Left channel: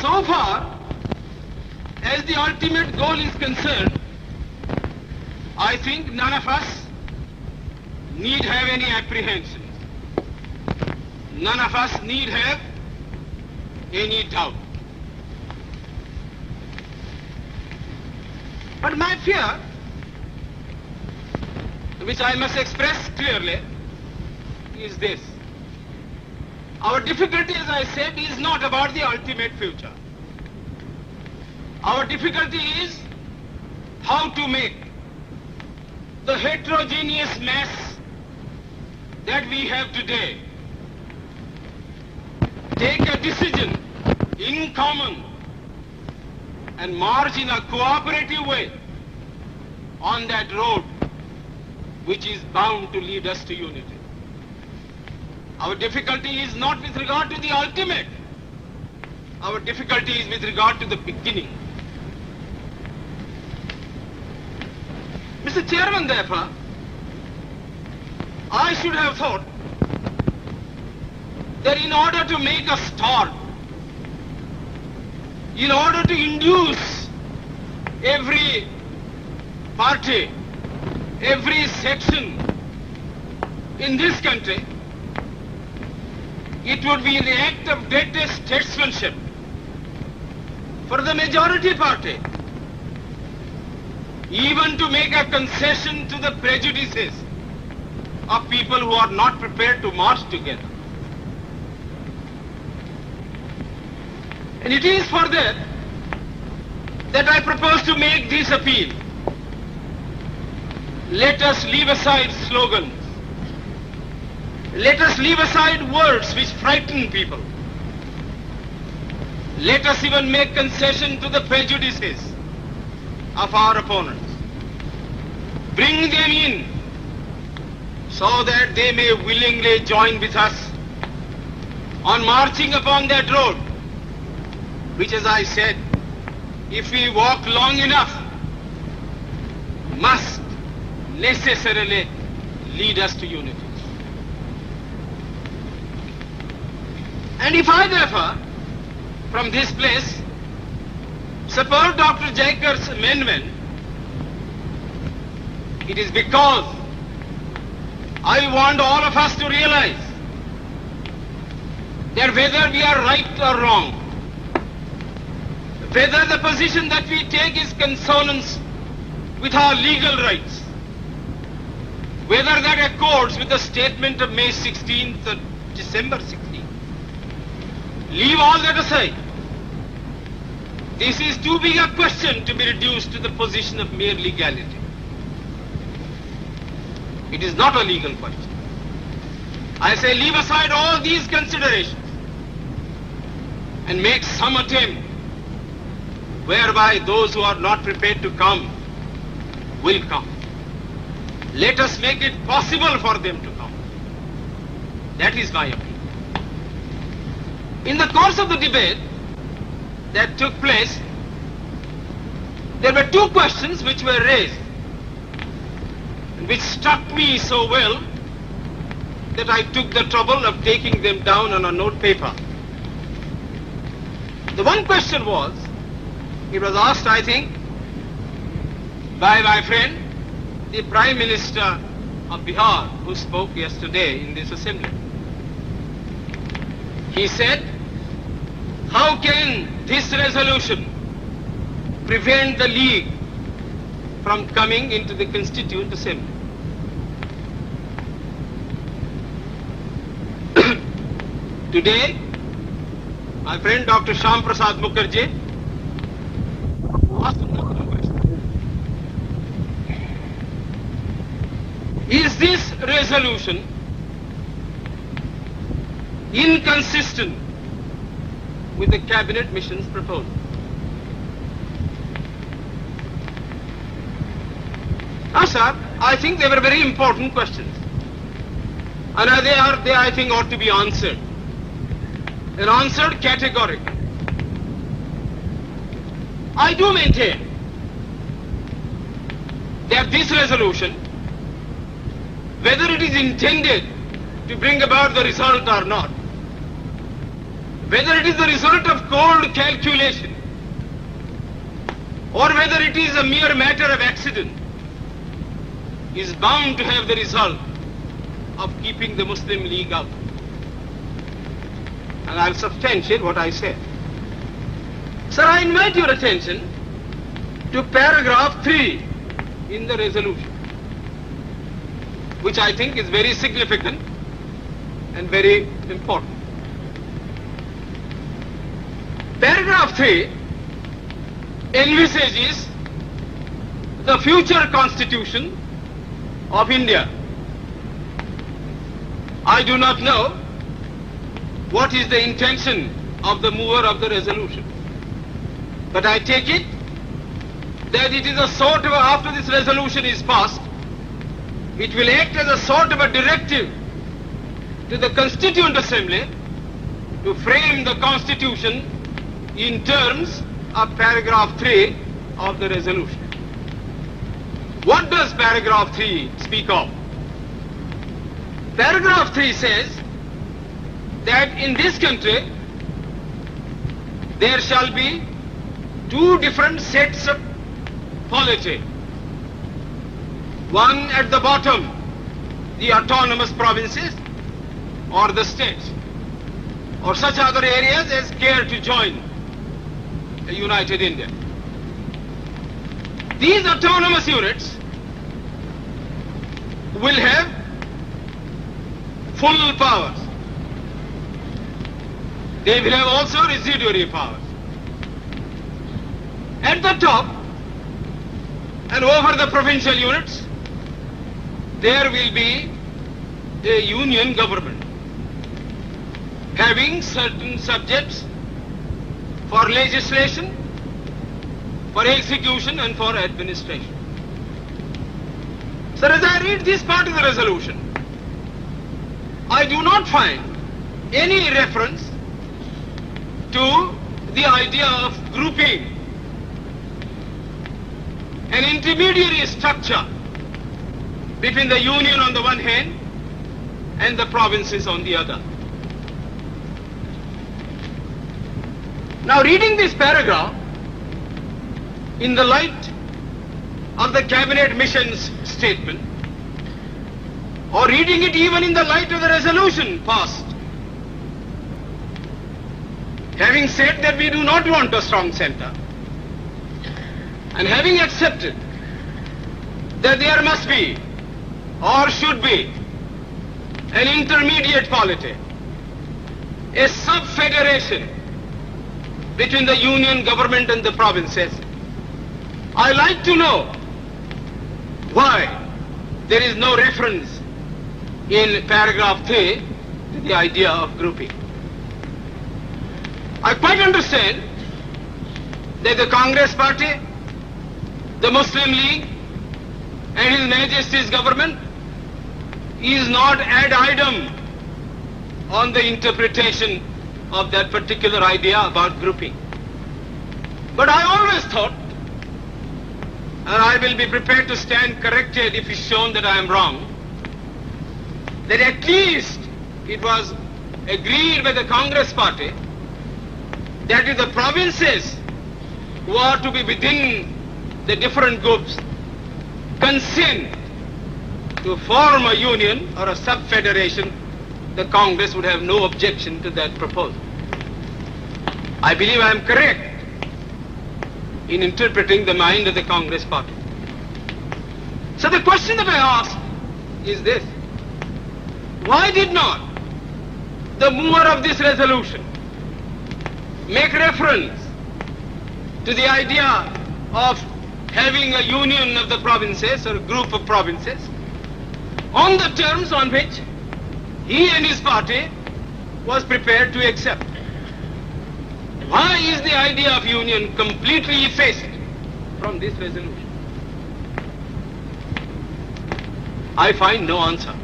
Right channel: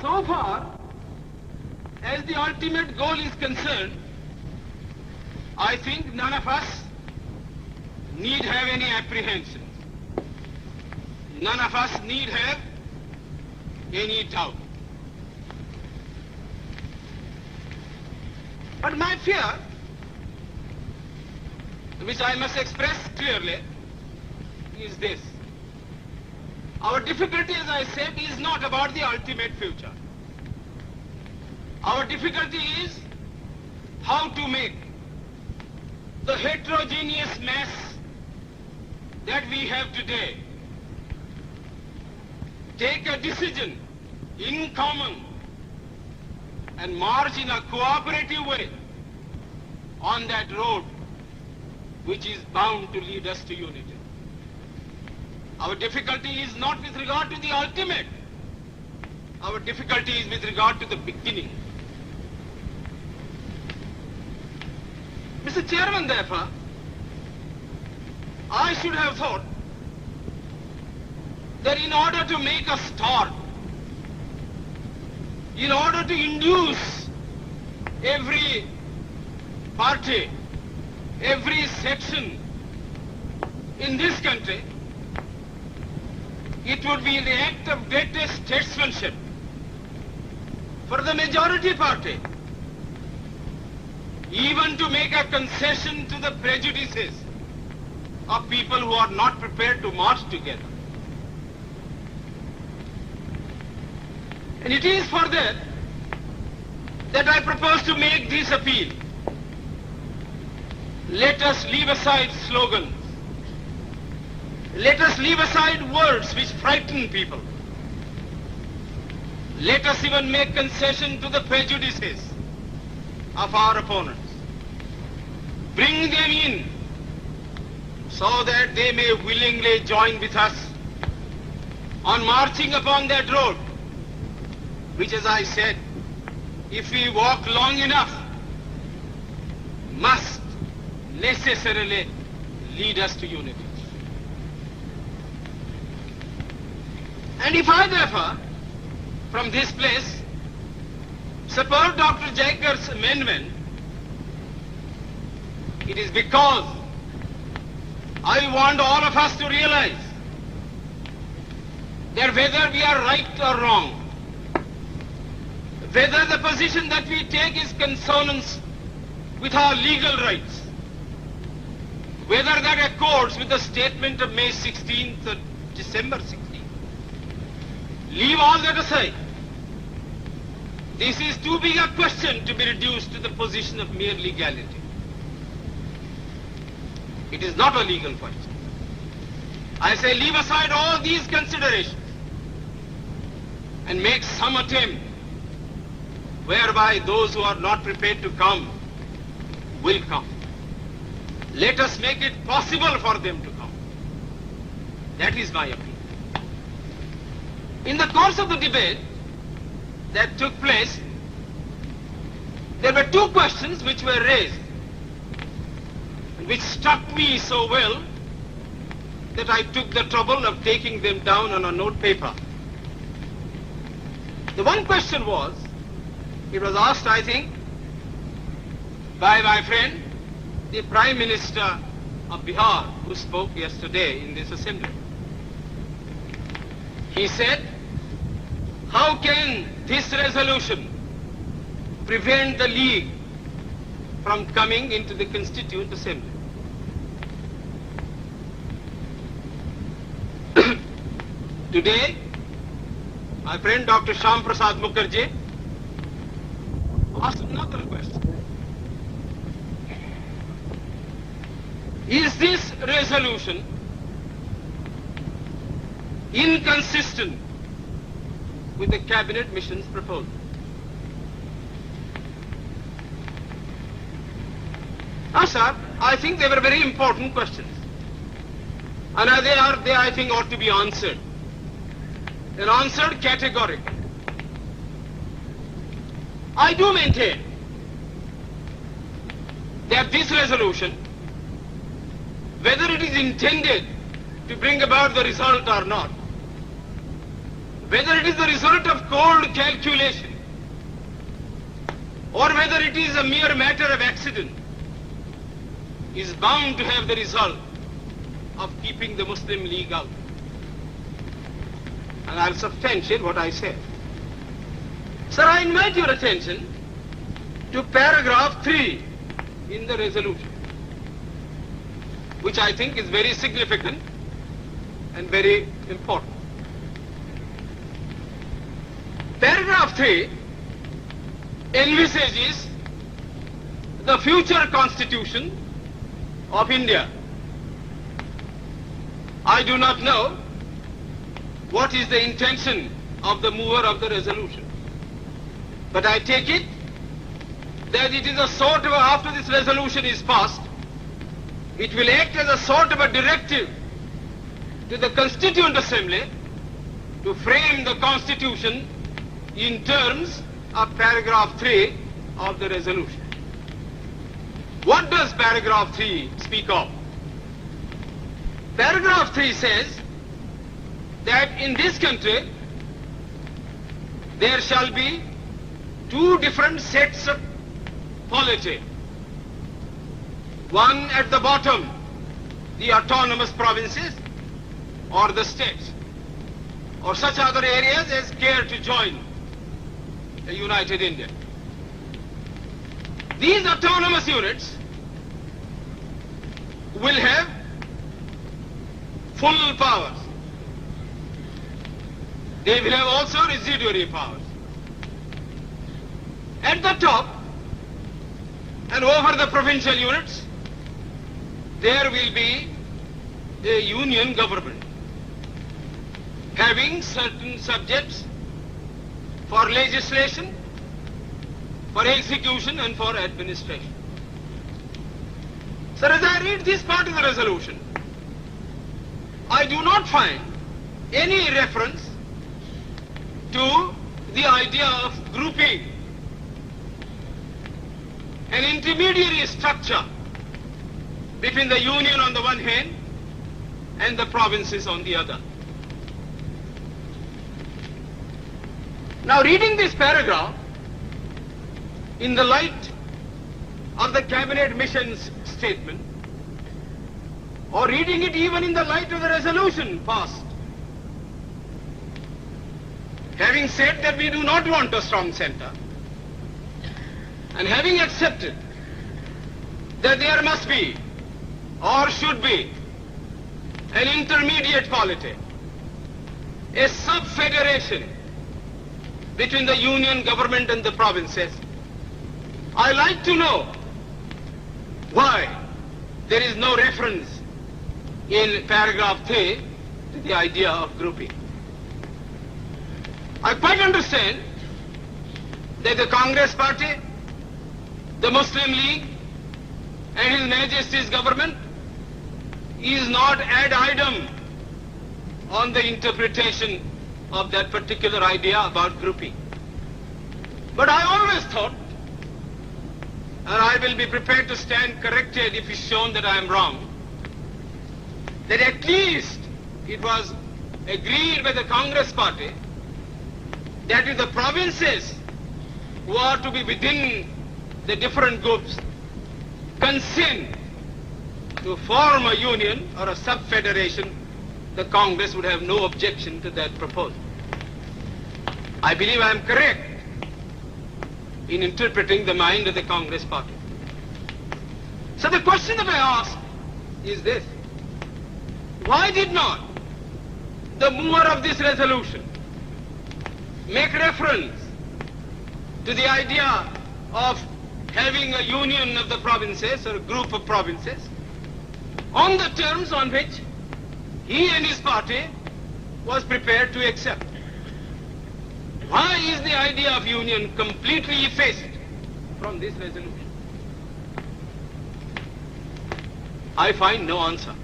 So far as the ultimate goal is concerned, I think none of us need have any apprehensions. None of us need have any doubt. But my fear, which I must express clearly, is this. Our difficulty, as I said, is not about the ultimate future. Our difficulty is how to make the heterogeneous mass that we have today take a decision in common and march in a cooperative way on that road which is bound to lead us to unity. Our difficulty is not with regard to the ultimate. Our difficulty is with regard to the beginning. Mr. Chairman, therefore, I should have thought that in order to make a start, in order to induce every party, every section in this country, it would be the act of greatest statesmanship for the majority party even to make a concession to the prejudices of people who are not prepared to march together. And it is for that I propose to make this appeal. Let us leave aside slogans. Let us leave aside words which frighten people. Let us even make concession to the prejudices of our opponents. Bring them in so that they may willingly join with us on marching upon that road, which, as I said, if we walk long enough, must necessarily lead us to unity. And if I, therefore, from this place, support Dr. Jacob's amendment, it is because I want all of us to realize that whether we are right or wrong, whether the position that we take is consonance with our legal rights, whether that accords with the statement of May 16th or December 16th, leave all that aside. This is too big a question to be reduced to the position of mere legality. It is not a legal question. I say leave aside all these considerations and make some attempt whereby those who are not prepared to come will come. Let us make it possible for them to come. That is my appeal. In the course of the debate that took place, there were two questions which were raised, and which struck me so well that I took the trouble of taking them down on a note paper. The one question was, it was asked, I think, by my friend, the Prime Minister of Bihar, who spoke yesterday in this assembly. He said, how can this resolution prevent the League from coming into the Constituent Assembly? Today, my friend Dr. Shyam Prasad Mukherjee asked another question. Is this resolution inconsistent with the Cabinet Mission's proposal? Now, sir, I think they were very important questions. And they, I think, ought to be answered. And answered categorically. I do maintain that this resolution, whether it is intended to bring about the result or not, whether it is the result of cold calculation or whether it is a mere matter of accident, is bound to have the result of keeping the Muslim League out. And I'll substantiate what I said. Sir, I invite your attention to paragraph 3 in the resolution, which I think is very significant and very important. Paragraph 3 envisages the future constitution of India. I do not know what is the intention of the mover of the resolution, but I take it that it is a sort of, after this resolution is passed, it will act as a sort of a directive to the Constituent Assembly to frame the constitution in terms of paragraph 3 of the resolution. What does paragraph 3 speak of? Paragraph 3 says that in this country there shall be two different sets of polity. One at the bottom, the autonomous provinces or the state, or such other areas as care to join a united India. These autonomous units will have full powers. They will have also residuary powers. At the top and over the provincial units, there will be a union government having certain subjects for legislation, for execution and for administration. So as I read this part of the resolution, I do not find any reference to the idea of grouping an intermediary structure between the union on the one hand and the provinces on the other. Now, reading this paragraph in the light of the cabinet mission's statement, or reading it even in the light of the resolution passed, having said that we do not want a strong center, and having accepted that there must be or should be an intermediate polity, a sub-federation between the union government and the provinces, I like to know why there is no reference in paragraph 3 to the idea of grouping. I quite understand that the Congress Party, the Muslim League and His Majesty's government is not ad idem on the interpretation of that particular idea about grouping. But I always thought, and I will be prepared to stand corrected if it's shown that I am wrong, that at least it was agreed by the Congress Party that if the provinces who are to be within the different groups consent to form a union or a sub-federation, the Congress would have no objection to that proposal. I believe I am correct in interpreting the mind of the Congress Party. So the question that I ask is this: why did not the mover of this resolution make reference to the idea of having a union of the provinces or a group of provinces on the terms on which he and his party was prepared to accept? Why is the idea of union completely effaced from this resolution? I find no answer.